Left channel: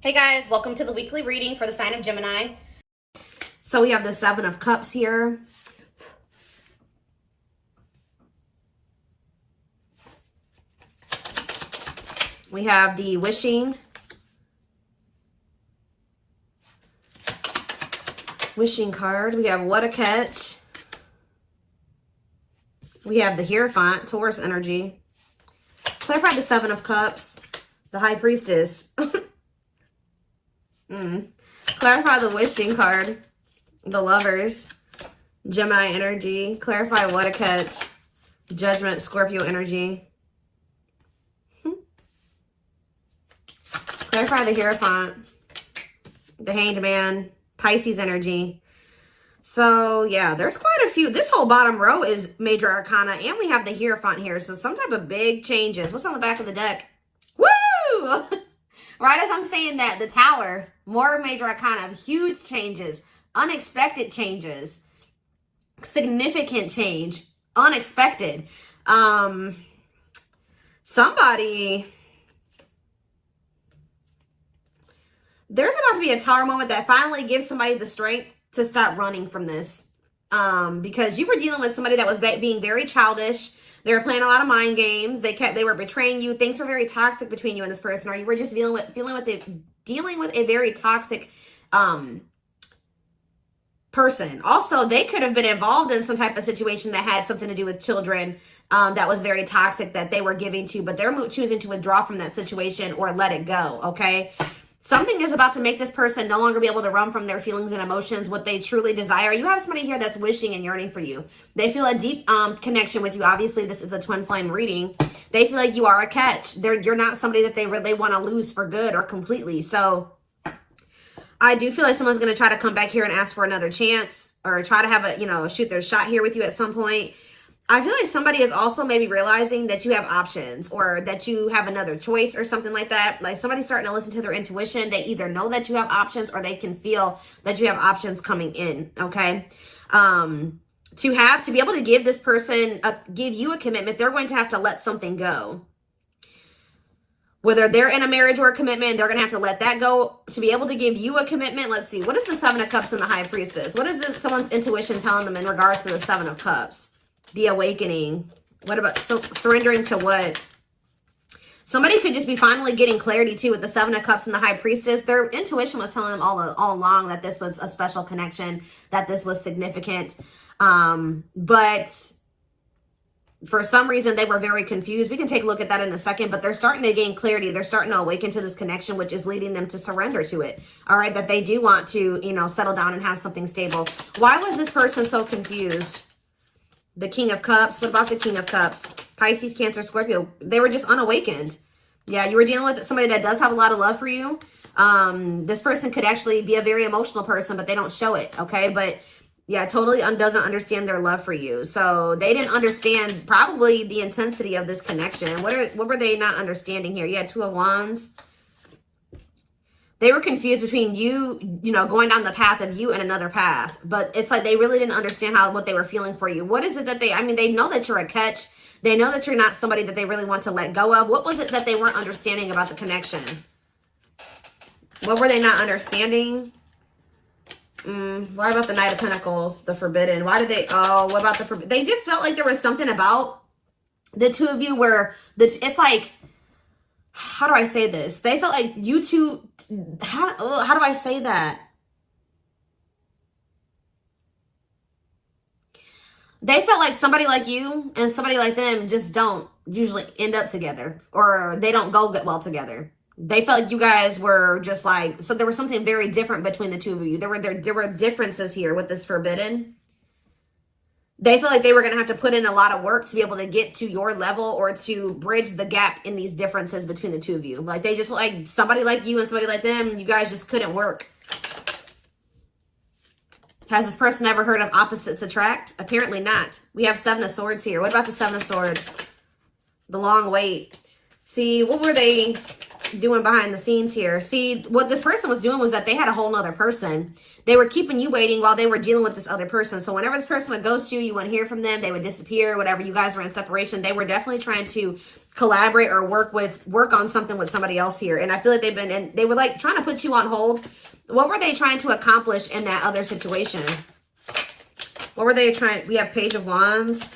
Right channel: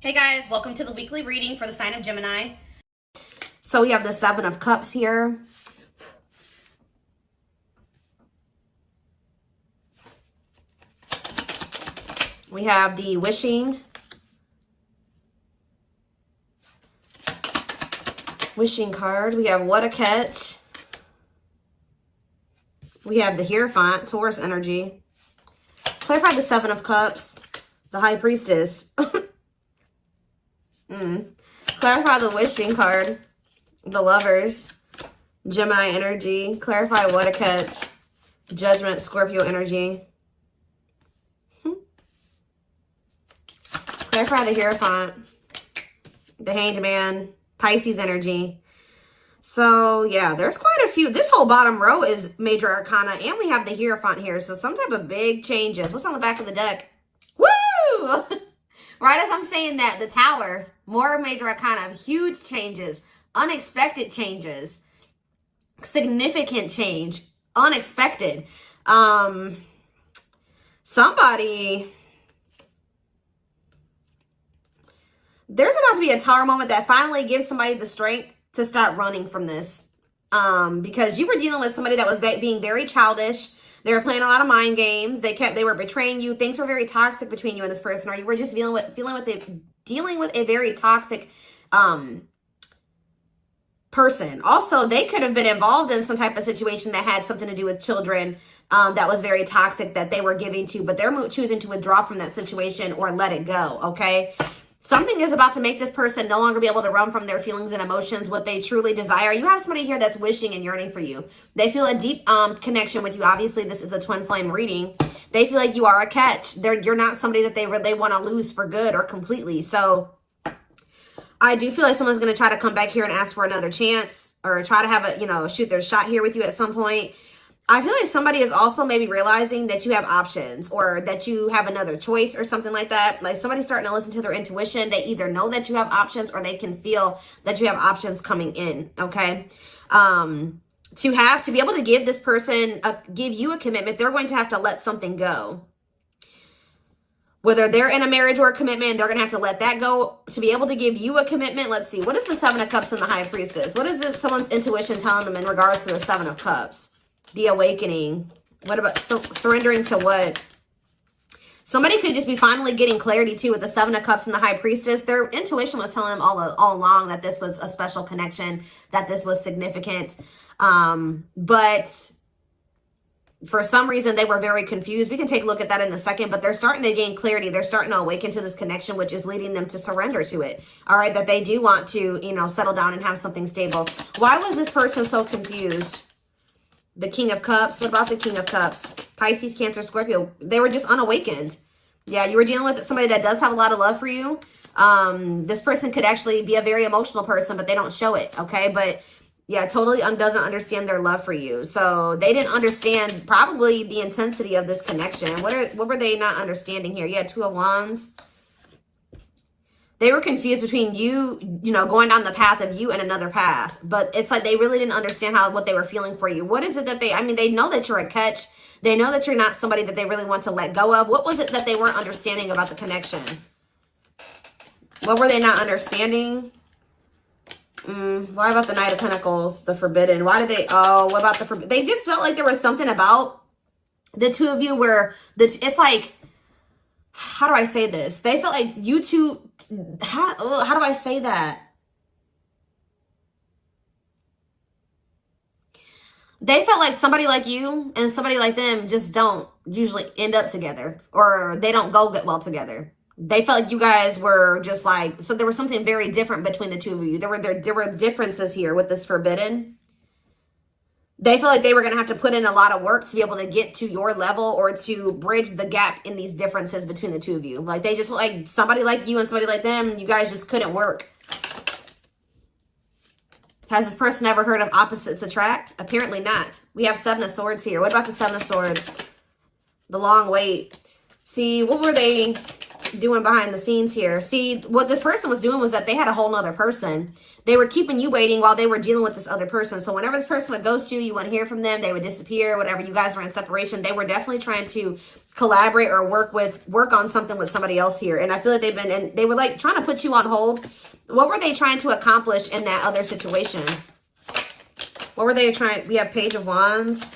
Hey guys, welcome to the weekly reading for the sign of Gemini. So we have the Seven of Cups here. We have the wishing card. We have what a catch. We have the Hierophant, Taurus energy. Clarify the Seven of Cups, the High Priestess. Clarify the wishing card, the Lovers, Gemini energy. Clarify what a catch, Judgment, Scorpio energy. Clarify the Hierophant, the Hanged Man, Pisces energy. So yeah, there's quite a few. This whole bottom row is major arcana, and we have the Hierophant here. So some type of big changes. What's on the back of the deck? Woo! Right as I'm saying that, the Tower, more major arcana, huge changes, unexpected changes, significant change, unexpected. Somebody, there's about to be a Tower moment that finally gives somebody the strength to stop running from this. Because you were dealing with somebody that was being very childish. They were playing a lot of mind games. They were betraying you. Things were very toxic between you and this person, or you were just dealing with a very toxic person. Also, they could have been involved in some type of situation that had something to do with children that was very toxic that they were giving to, but they're choosing to withdraw from that situation or let it go, okay? Something is about to make this person no longer be able to run from their feelings and emotions, what they truly desire. You have somebody here that's wishing and yearning for you. They feel a deep connection with you. Obviously, this is a twin flame reading. They feel like you are a catch. You're not somebody that they want to lose for good or completely. So I do feel like someone's going to try to come back here and ask for another chance or try to have a, shoot their shot here with you at some point. I feel like somebody is also maybe realizing that you have options or that you have another choice or something like that. Like somebody's starting to listen to their intuition. They either know that you have options or they can feel that you have options coming in, okay? To be able to give this person, give you a commitment, they're going to have to let something go. Whether they're in a marriage or a commitment, they're going to have to let that go to be able to give you a commitment. Let's see. What is the Seven of Cups and the High Priestess? What is someone's intuition telling them in regards to the Seven of Cups? The awakening. What about surrendering to what? Somebody could just be finally getting clarity too with the Seven of Cups and the High Priestess. Their intuition was telling them all along that this was a special connection, that this was significant. But for some reason, they were very confused. We can take a look at that in a second, but they're starting to gain clarity. They're starting to awaken to this connection, which is leading them to surrender to it. All right, that they do want to, settle down and have something stable. Why was this person so confused? The King of Cups. What about the King of Cups? Pisces, Cancer, Scorpio. They were just unawakened. Yeah, you were dealing with somebody that does have a lot of love for you. This person could actually be a very emotional person, but they don't show it, okay? But yeah, totally doesn't understand their love for you. So they didn't understand probably the intensity of this connection. What were they not understanding here? You had Two of Wands. They were confused between you, going down the path of you and another path. But it's like they really didn't understand what they were feeling for you. What is it that they know that you're a catch. They know that you're not somebody that they really want to let go of. What was it that they weren't understanding about the connection? What were they not understanding? What about the Knight of Pentacles, the Forbidden? What about the Forbidden? They just felt like there was something about the two of you where it's like, how do I say this? They felt like you two, how do I say that? They felt like somebody like you and somebody like them just don't usually end up together, or they don't go get well together. They felt like you guys were just like, so there was something very different between the two of you. There were differences here with this Forbidden. They feel like they were going to have to put in a lot of work to be able to get to your level or to bridge the gap in these differences between the two of you. Like they just like somebody like you and somebody like them, you guys just couldn't work. Has this person ever heard of opposites attract? Apparently not. We have Seven of Swords here. What about the Seven of Swords? The long wait. See, what were they? doing behind the scenes here. See, what this person was doing was that they had a whole nother person. They were keeping you waiting while they were dealing with this other person. So whenever this person would ghost you, you wouldn't hear from them. They would disappear, whatever. You guys were in separation. They were definitely trying to collaborate or work on something with somebody else here. And I feel like they were like trying to put you on hold. What were they trying to accomplish in that other situation? What were they trying? We have Page of Wands.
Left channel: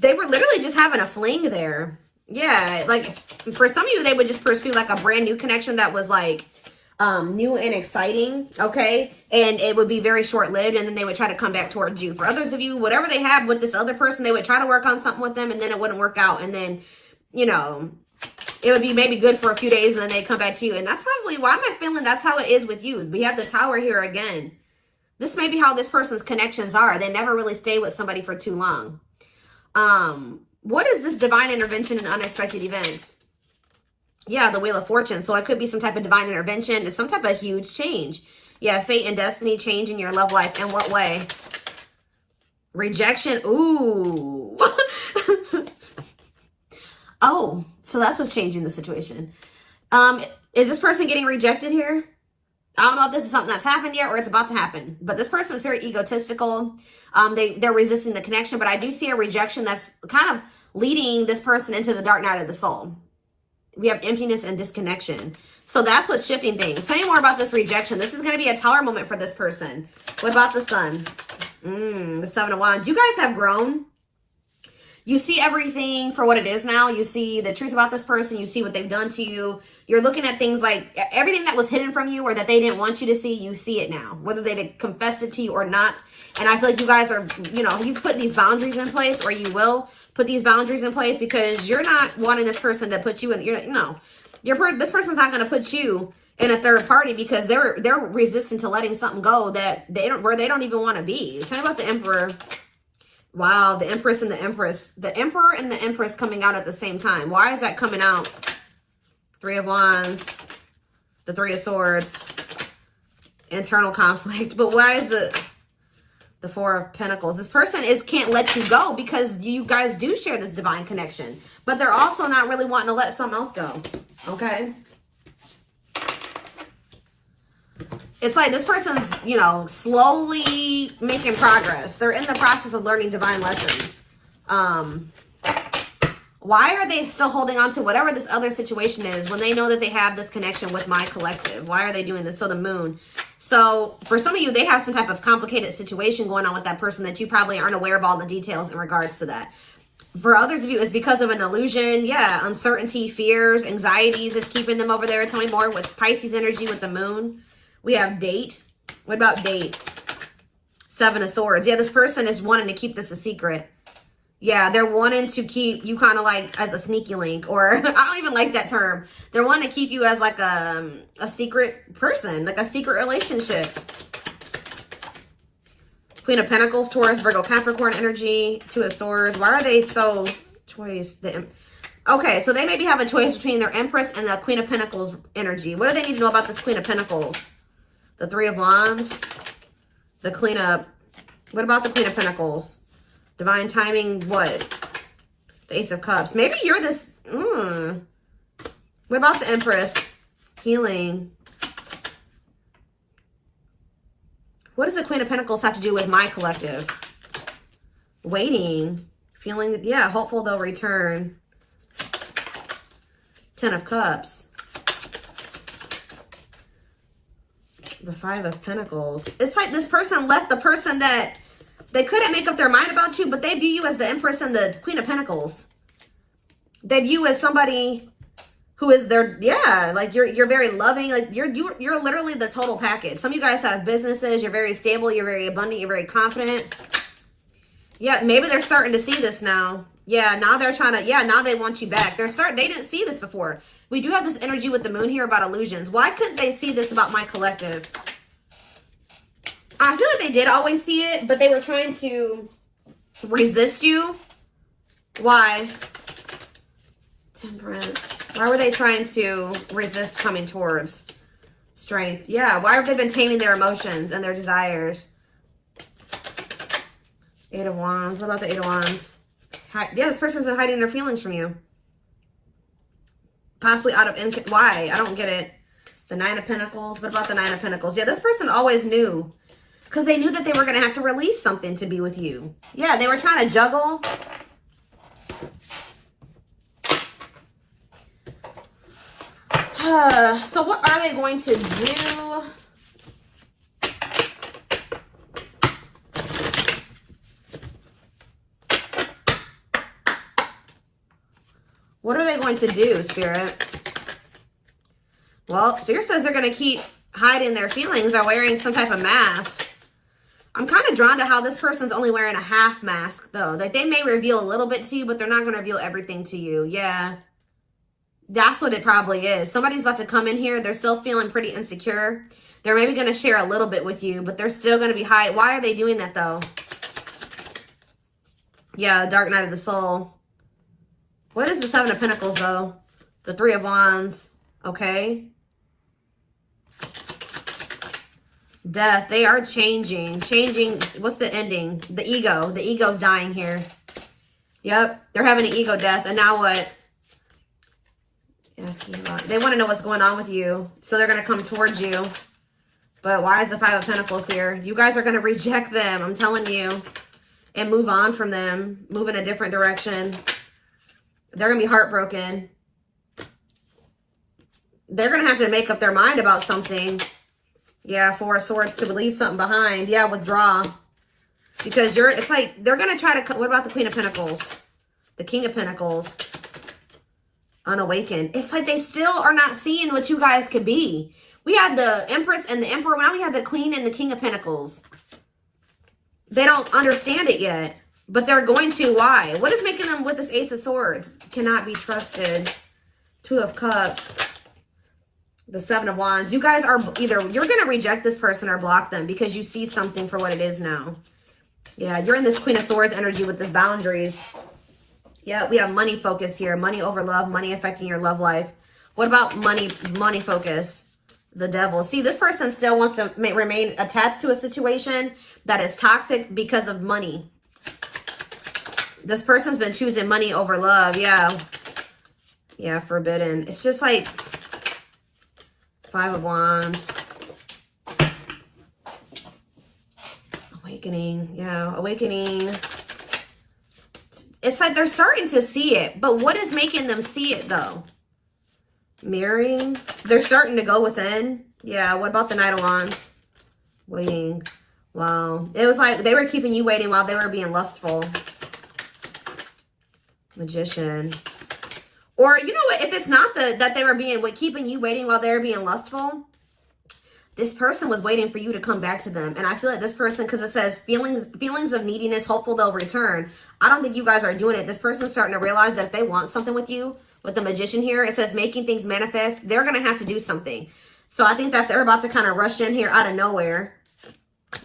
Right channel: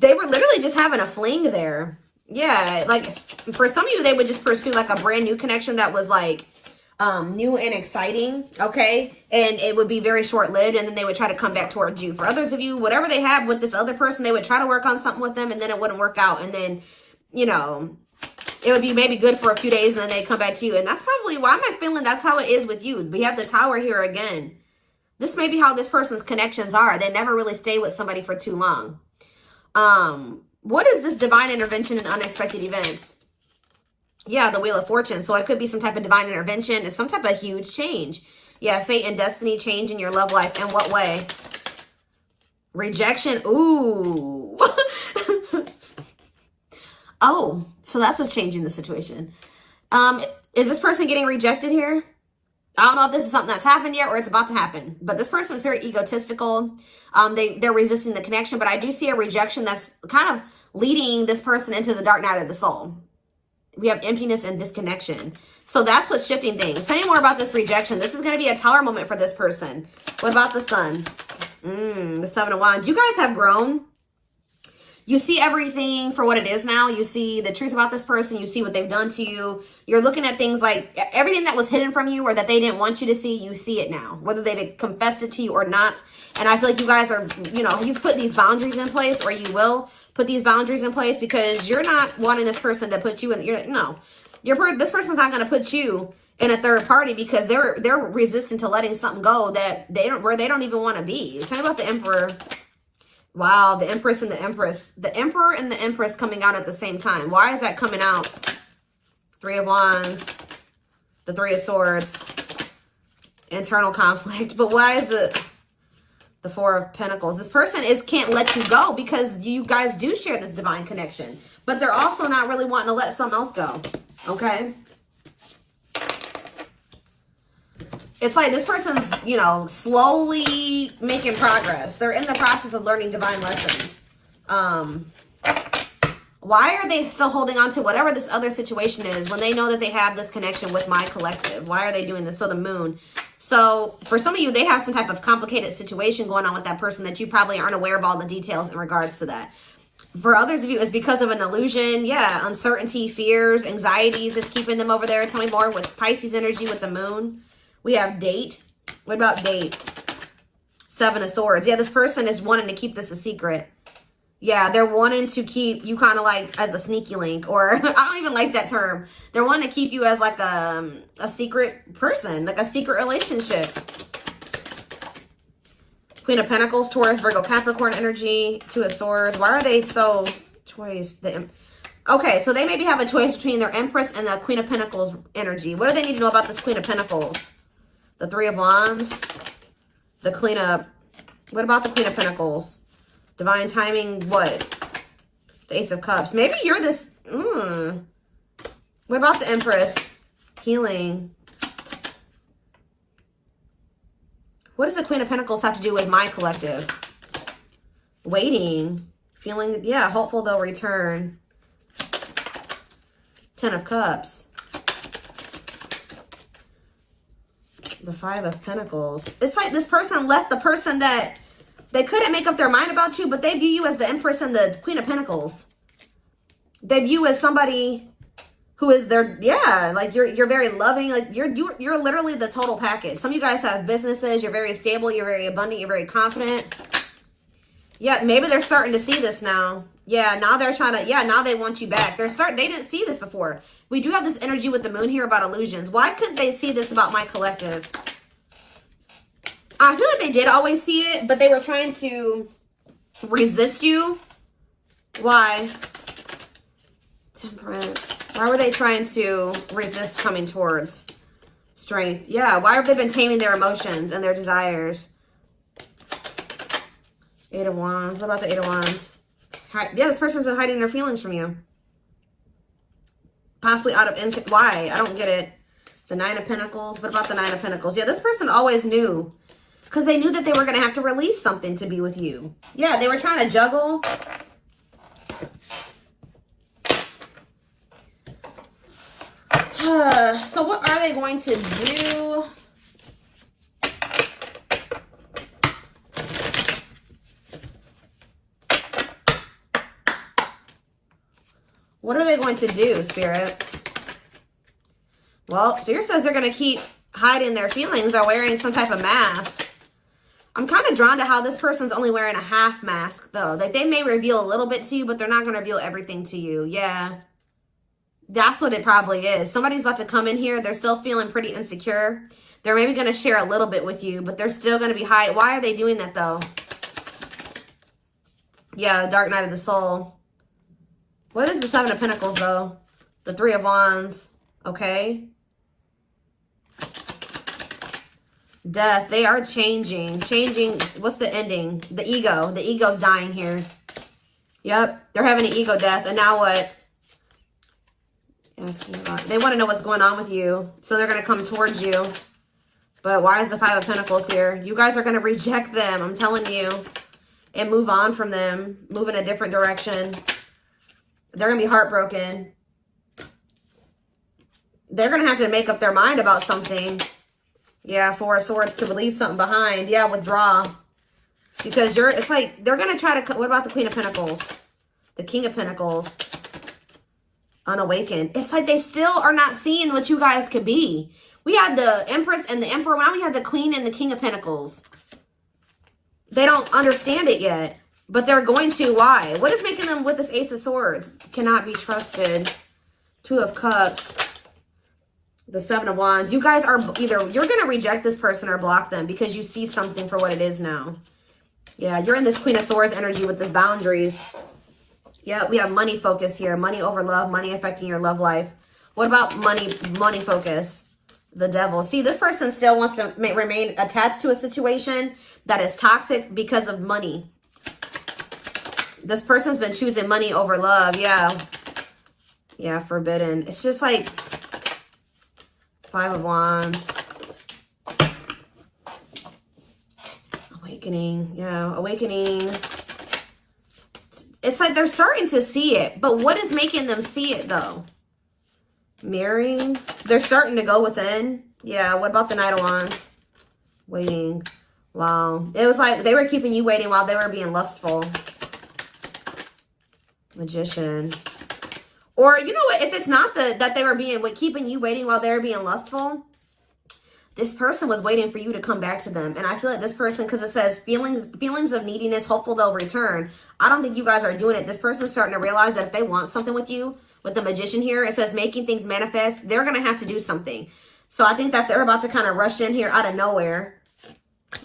They were literally just having a fling there. Yeah, like for some of you, they would just pursue like a brand new connection that was like new and exciting, okay? And it would be very short-lived, and then they would try to come back towards you. For others of you, whatever they have with this other person, they would try to work on something with them, and then it wouldn't work out. And then, you know, it would be maybe good for a few days, and then they come back to you. And that's probably why I'm feeling that's how it is with you. We have the Tower here again. This may be how this person's connections are. They never really stay with somebody for too long. What is this divine intervention and unexpected events? Yeah, the Wheel of Fortune. So it could be some type of divine intervention. It's some type of huge change. Yeah, fate and destiny change in your love life. In what way? Rejection. Ooh. Oh, so that's what's changing the situation. Is this person getting rejected here? I don't know if this is something that's happened yet or it's about to happen. But this person is very egotistical. They're resisting the connection. But I do see a rejection that's kind of leading this person into the dark night of the soul. We have emptiness and disconnection. So that's what's shifting things. Tell me more about this rejection. This is going to be a Tower moment for this person. What about the Sun? The Seven of Wands. You guys have grown. You see everything for what it is now. You see the truth about this person. You see what they've done to you. You're looking at things like everything that was hidden from you or that they didn't want you to see, you see it now, whether they've confessed it to you or not. And I feel like you guys are, you know, you've put these boundaries in place, or you will put these boundaries in place, because you're not wanting this person to put you in, this person's not going to put you in a third party, because they're resistant to letting something go that they don't even want to be. Tell me about the Emperor. Wow, the Empress and the Empress. The Emperor and the Empress coming out at the same time. Why is that coming out? Three of Wands, the Three of Swords, internal conflict. But why is the Four of Pentacles? This person can't let you go, because you guys do share this divine connection. But they're also not really wanting to let someone else go. Okay? It's like this person's, you know, slowly making progress. They're in the process of learning divine lessons. Why are they still holding on to whatever this other situation is when they know that they have this connection with my collective? Why are they doing this? So the Moon. So for some of you, they have some type of complicated situation going on with that person that you probably aren't aware of all the details in regards to that. For others of you, it's because of an illusion. Yeah, uncertainty, fears, anxieties is keeping them over there. Tell me more with Pisces energy with the Moon. We have Date. What about Date? Seven of Swords. Yeah, this person is wanting to keep this a secret. Yeah, they're wanting to keep you kind of like as a sneaky link, or I don't even like that term. They're wanting to keep you as like a secret person, like a secret relationship. Queen of Pentacles, Taurus, Virgo, Capricorn energy, Two of Swords. Why are they so choice? Okay, so they maybe have a choice between their Empress and the Queen of Pentacles energy. What do they need to know about this Queen of Pentacles? The Three of Wands, the Queen of... What about the Queen of Pentacles? Divine timing, what? The Ace of Cups. Maybe you're this... What about the Empress? Healing. What does the Queen of Pentacles have to do with my collective? Waiting. Feeling... Yeah, hopeful they'll return. Ten of Cups. The Five of Pentacles. It's like this person left the person that they couldn't make up their mind about you, but they view you as the Empress and the Queen of Pentacles. They view you as somebody who is their, yeah, like you're very loving, like you're literally the total package. Some of you guys have businesses, you're very stable, you're very abundant, you're very confident. Yeah, maybe they're starting to see this now. Yeah, now they're trying to, yeah, now they want you back. They didn't see this before. We do have this energy with the Moon here about illusions. Why couldn't they see this about my collective? I feel like they did always see it, but they were trying to resist you. Why? Temperance. Why were they trying to resist coming towards strength? Yeah, why have they been taming their emotions and their desires? Eight of Wands. What about the Eight of Wands? Yeah, this person's been hiding their feelings from you. Possibly out of, why? I don't get it. The Nine of Pentacles. What about the Nine of Pentacles? Yeah, this person always knew. Because they knew that they were going to have to release something to be with you. Yeah, they were trying to juggle. So what are they going to do? What are they going to do, Spirit? Well, Spirit says they're going to keep hiding their feelings or wearing some type of mask. I'm kind of drawn to how this person's only wearing a half mask, though. Like, they may reveal a little bit to you, but they're not going to reveal everything to you. Yeah. That's what it probably is. Somebody's about to come in here. They're still feeling pretty insecure. They're maybe going to share a little bit with you, but they're still going to be hiding. Why are they doing that, though? Yeah, Dark Night of the Soul. What is the Seven of Pentacles, though? The Three of Wands. Okay. Death. They are changing. Changing. What's the ending? The ego. The ego's dying here. Yep. They're having an ego death. And now what? They want to know what's going on with you. So they're going to come towards you. But why is the Five of Pentacles here? You guys are going to reject them. I'm telling you. And move on from them. Move in a different direction. They're going to be heartbroken. They're going to have to make up their mind about something. Yeah, Four of Swords to leave something behind. Yeah, withdraw. Because it's like, they're going to try to, what about the Queen of Pentacles? The King of Pentacles. Unawakened. It's like they still are not seeing what you guys could be. We had the Empress and the Emperor. Now we have the Queen and the King of Pentacles. They don't understand it yet. But they're going to. Why? What is making them with this Ace of Swords? Cannot be trusted. Two of Cups. The Seven of Wands. You guys are either, you're going to reject this person or block them because you see something for what it is now. Yeah, you're in this Queen of Swords energy with this boundaries. Yeah, we have money focus here. Money over love. Money affecting your love life. What about money focus? The Devil. See, this person still wants to remain attached to a situation that is toxic because of money. This person's been choosing money over love. Yeah. Yeah, forbidden. It's just like Five of Wands. Awakening. Yeah, awakening. It's like they're starting to see it. But what is making them see it, though? Mirroring. They're starting to go within. Yeah, what about the Knight of Wands? Waiting. Wow. It was like they were keeping you waiting while they were being lustful. Magician. Or, you know what? If it's not that they were keeping you waiting while they were being lustful, this person was waiting for you to come back to them. And I feel like this person, because it says feelings of neediness, hopeful they'll return. I don't think you guys are doing it. This person's starting to realize that if they want something with you, with the Magician here, it says making things manifest, they're going to have to do something. So I think that they're about to kind of rush in here out of nowhere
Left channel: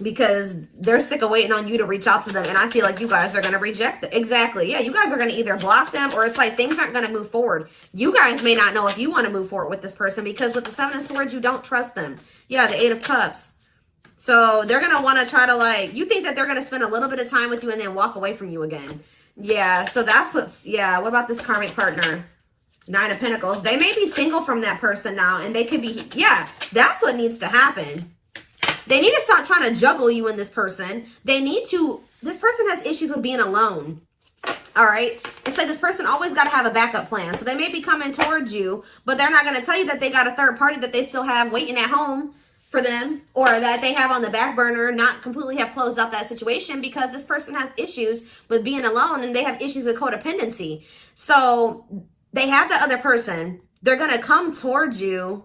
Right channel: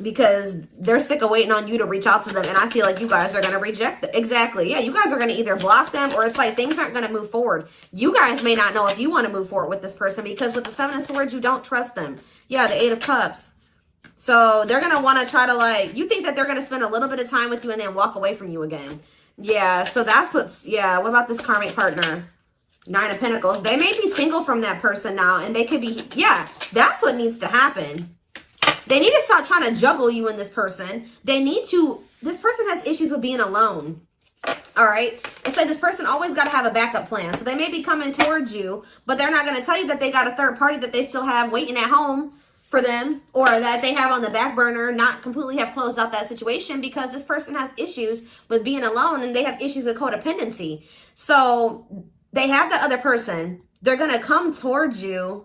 because they're sick of waiting on you to reach out to them. And I feel like you guys are going to reject them. Exactly. Yeah, you guys are going to either block them or it's like things aren't going to move forward. You guys may not know if you want to move forward with this person because with the Seven of Swords, you don't trust them. Yeah, the Eight of Cups. So they're going to want to try to like, you think that they're going to spend a little bit of time with you and then walk away from you again. Yeah, so that's what's, yeah. What about this karmic partner? Nine of Pentacles. They may be single from that person now and they could be, yeah, that's what needs to happen. They need to stop trying to juggle you and this person. They need to, this person has issues with being alone. All right. It's like this person always got to have a backup plan. So they may be coming towards you, but they're not going to tell you that they got a third party that they still have waiting at home for them or that they have on the back burner, not completely have closed out that situation because this person has issues with being alone and they have issues with codependency. So they have the other person. They're going to come towards you.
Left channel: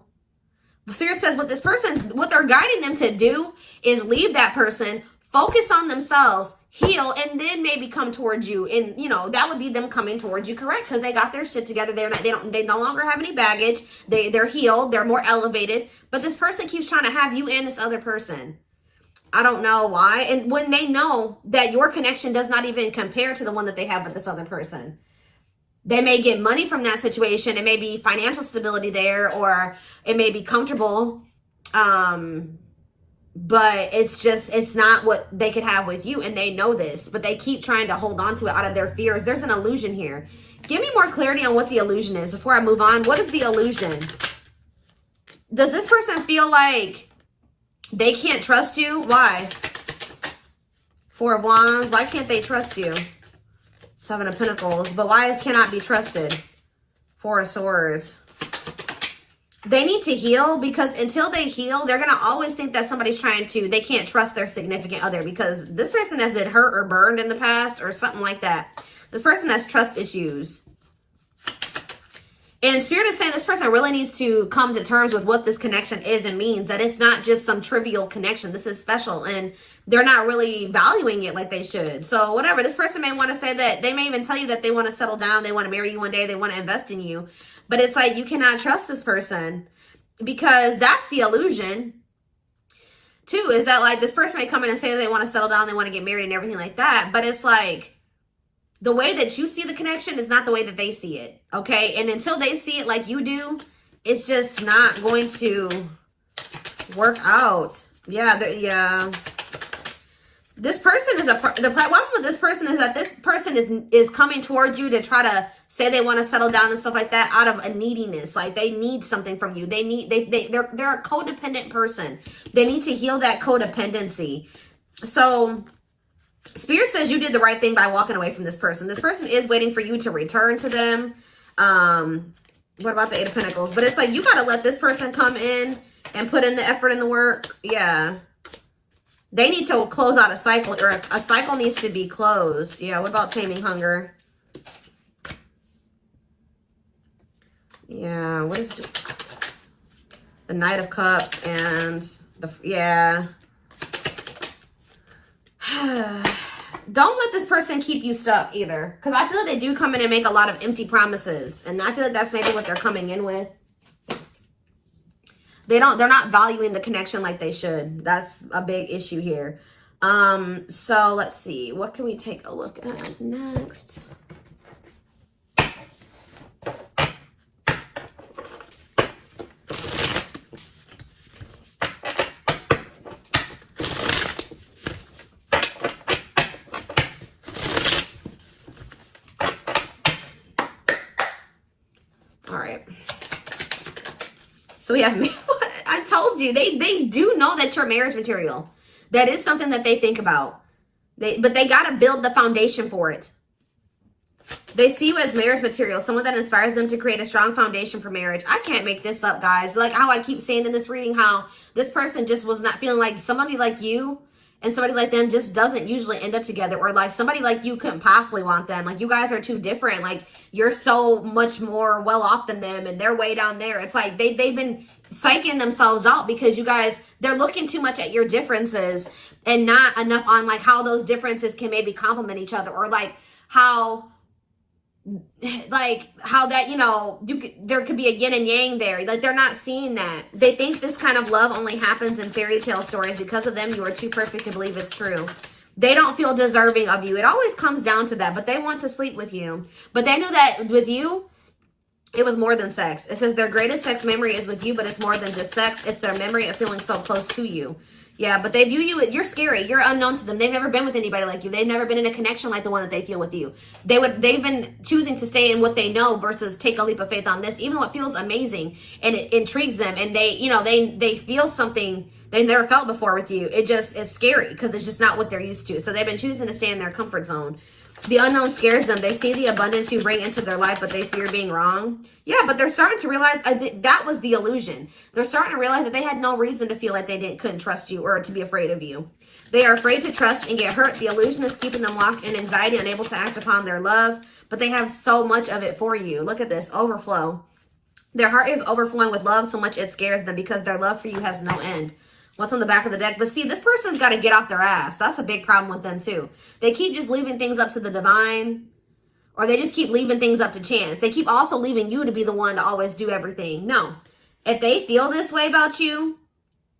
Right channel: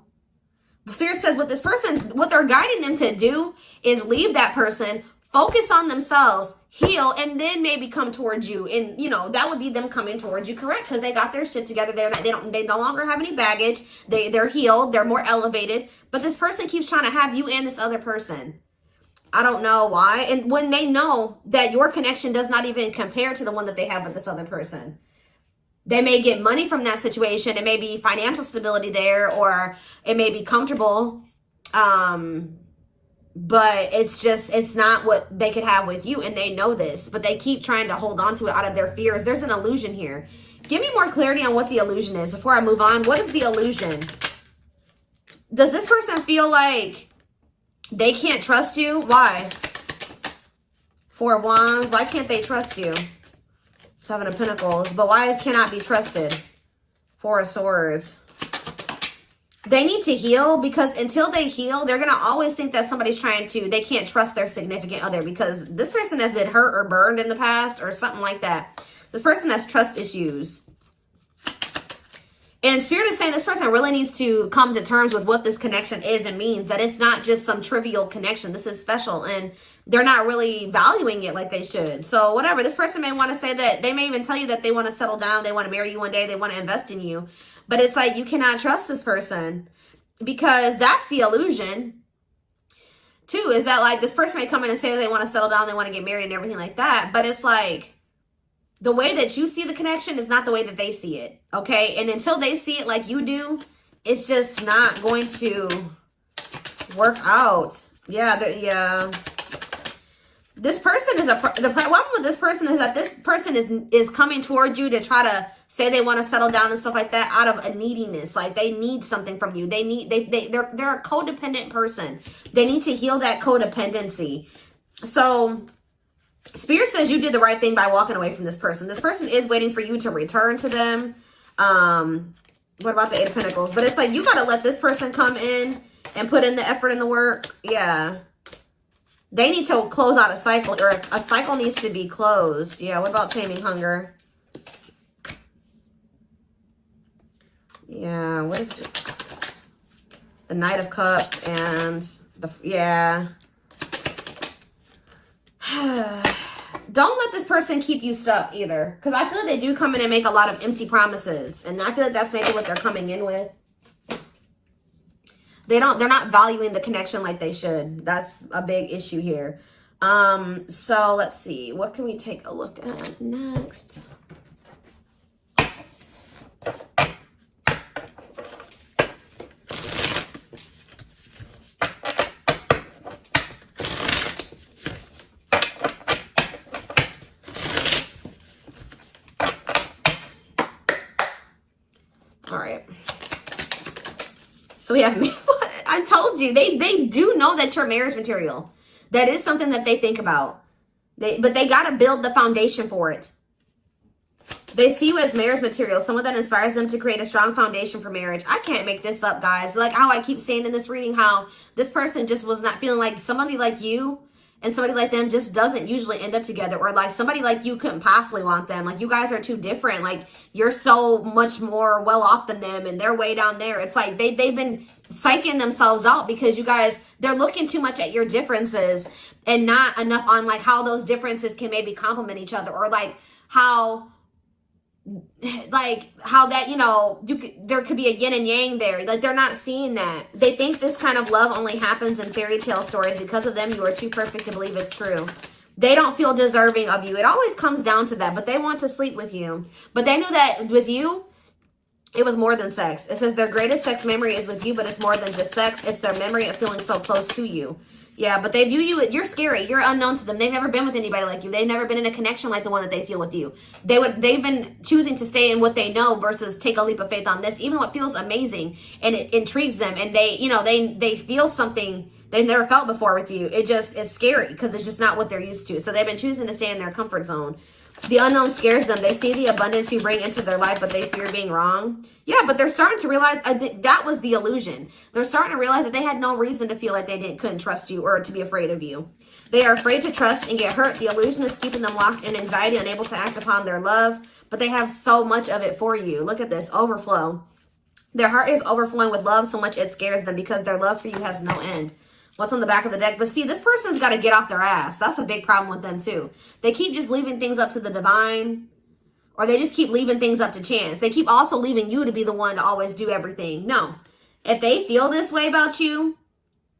Spirit says what this person, what they're guiding them to do is leave that person, focus on themselves, heal, and then maybe come towards you. And, you know, that would be them coming towards you, correct? Because they got their shit together. They no longer have any baggage. They're healed. They're more elevated. But this person keeps trying to have you and this other person. I don't know why. And when they know that your connection does not even compare to the one that they have with this other person. They may get money from that situation. It may be financial stability there, or it may be comfortable. But it's not what they could have with you. And they know this, but they keep trying to hold on to it out of their fears. There's an illusion here. Give me more clarity on what the illusion is before I move on. What is the illusion? Does this person feel like they can't trust you? Why? Four of Wands. Why can't they trust you? Seven of Pentacles. But why it cannot be trusted? Four of Swords. They need to heal, because until they heal, they're going to always think that somebody's they can't trust their significant other, because this person has been hurt or burned in the past or something like that. This person has trust issues. And Spirit is saying this person really needs to come to terms with what this connection is and means, that it's not just some trivial connection. This is special, and they're not really valuing it like they should. So whatever, this person may want to say that, they may even tell you that they want to settle down, they want to marry you one day, they want to invest in you. But it's like, you cannot trust this person, because that's the illusion. Two, is that like this person may come in and say they want to settle down, they want to get married and everything like that. But it's like, the way that you see the connection is not the way that they see it. Okay. And until they see it like you do, it's just not going to work out. Yeah. This person is the problem with this person is that this person is coming towards you to try to say they want to settle down and stuff like that out of a neediness. Like they need something from you. They're a codependent person. They need to heal that codependency. So Spirit says you did the right thing by walking away from this person. This person is waiting for you to return to them. What about the Eight of Pentacles? But it's like, you got to let this person come in and put in the effort and the work. Yeah. They need to close out a cycle, or a cycle needs to be closed. Yeah, what about taming hunger? Yeah, what is the Knight of Cups and yeah. Don't let this person keep you stuck either, because I feel like they do come in and make a lot of empty promises, and I feel like that's maybe what they're coming in with. They're not valuing the connection like they should. That's a big issue here. So let's see. What can we take a look at next? All right. So we have, I told you, they do know that you're marriage material. That is something that they think about. But they got to build the foundation for it. They see you as marriage material, someone that inspires them to create a strong foundation for marriage. I can't make this up, guys. Like how I keep saying in this reading, how this person just was not feeling like somebody like you and somebody like them just doesn't usually end up together, or like somebody like you couldn't possibly want them. Like you guys are too different. Like you're so much more well off than them and they're way down there. It's like they've been psyching themselves out because you guys, they're looking too much at your differences and not enough on like how those differences can maybe complement each other, or like how that, you know, there could be a yin and yang there. Like they're not seeing that. They think this kind of love only happens in fairy tale stories. Because of them, you are too perfect to believe it's true. They don't feel deserving of you. It always comes down to that, but they want to sleep with you. But they know that with you, it was more than sex. It says their greatest sex memory is with you, but it's more than just sex. It's their memory of feeling so close to you. Yeah, but they view you, you're scary. You're unknown to them. They've never been with anybody like you. They've never been in a connection like the one that they feel with you. They've been choosing to stay in what they know versus take a leap of faith on this, even though it feels amazing and it intrigues them. And they, you know, they feel something they never felt before with you. It just is scary because it's just not what they're used to. So they've been choosing to stay in their comfort zone. The unknown scares them. They see the abundance you bring into their life, but they fear being wrong. Yeah, but they're starting to realize that was the illusion. They're starting to realize that they had no reason to feel like they couldn't trust you or to be afraid of you. They are afraid to trust and get hurt. The illusion is keeping them locked in anxiety, unable to act upon their love, but they have so much of it for you. Look at this, overflow. Their heart is overflowing with love so much it scares them because their love for you has no end. What's on the back of the deck? But see, this person's got to get off their ass. That's a big problem with them too. They keep just leaving things up to the divine, or they just keep leaving things up to chance. They keep also leaving you to be the one to always do everything. No. If they feel this way about you,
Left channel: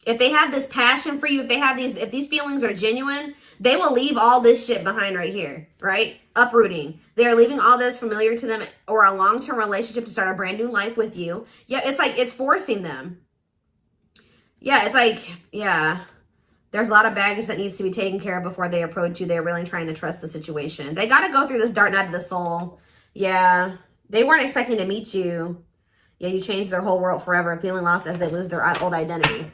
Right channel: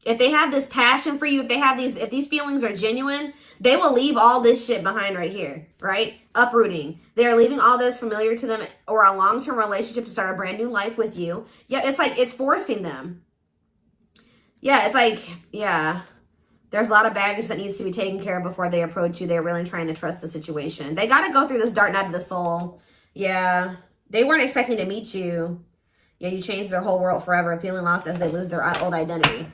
if they have this passion for you, if these feelings are genuine, they will leave all this shit behind right here, right? Uprooting. They're leaving all this familiar to them or a long-term relationship to start a brand new life with you. Yeah, it's like it's forcing them. Yeah, it's like, yeah, there's a lot of baggage that needs to be taken care of before they approach you. They're really trying to trust the situation. They got to go through this dark night of the soul. Yeah, they weren't expecting to meet you. Yeah, you changed their whole world forever, feeling lost as they lose their old identity.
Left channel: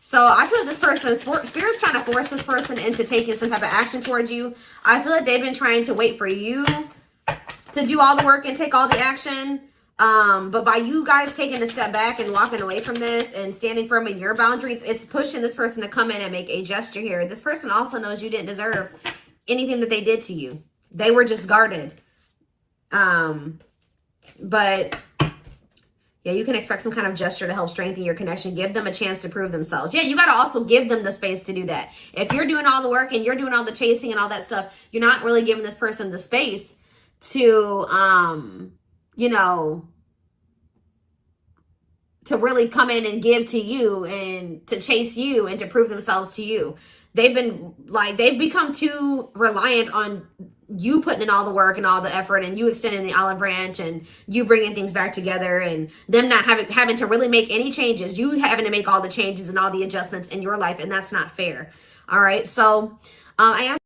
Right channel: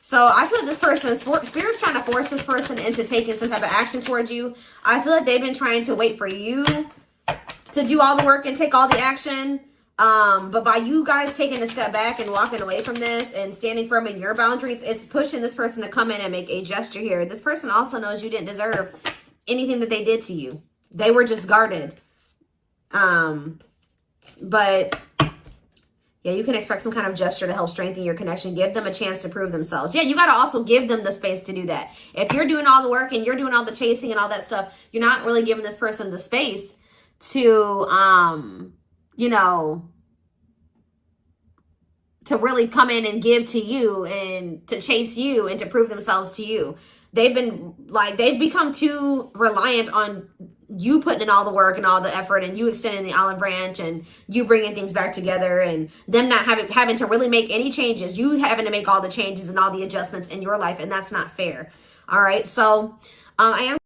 So I feel like this person, Spirit's trying to force this person into taking some type of action towards you. I feel like they've been trying to wait for you to do all the work and take all the action. But by you guys taking a step back and walking away from this and standing firm in your boundaries, it's pushing this person to come in and make a gesture here. This person also knows you didn't deserve anything that they did to you. They were just guarded. But yeah, you can expect some kind of gesture to help strengthen your connection. Give them a chance to prove themselves. Yeah, you got to also give them the space to do that. If you're doing all the work and you're doing all the chasing and all that stuff, you're not really giving this person the space to, you know, to really come in and give to you and to chase you and to prove themselves to you. They've become too reliant on you putting in all the work and all the effort and you extending the olive branch and you bringing things back together and them not having to really make any changes. You having to make all the changes and all the adjustments in your life, and that's not fair. All right. So I am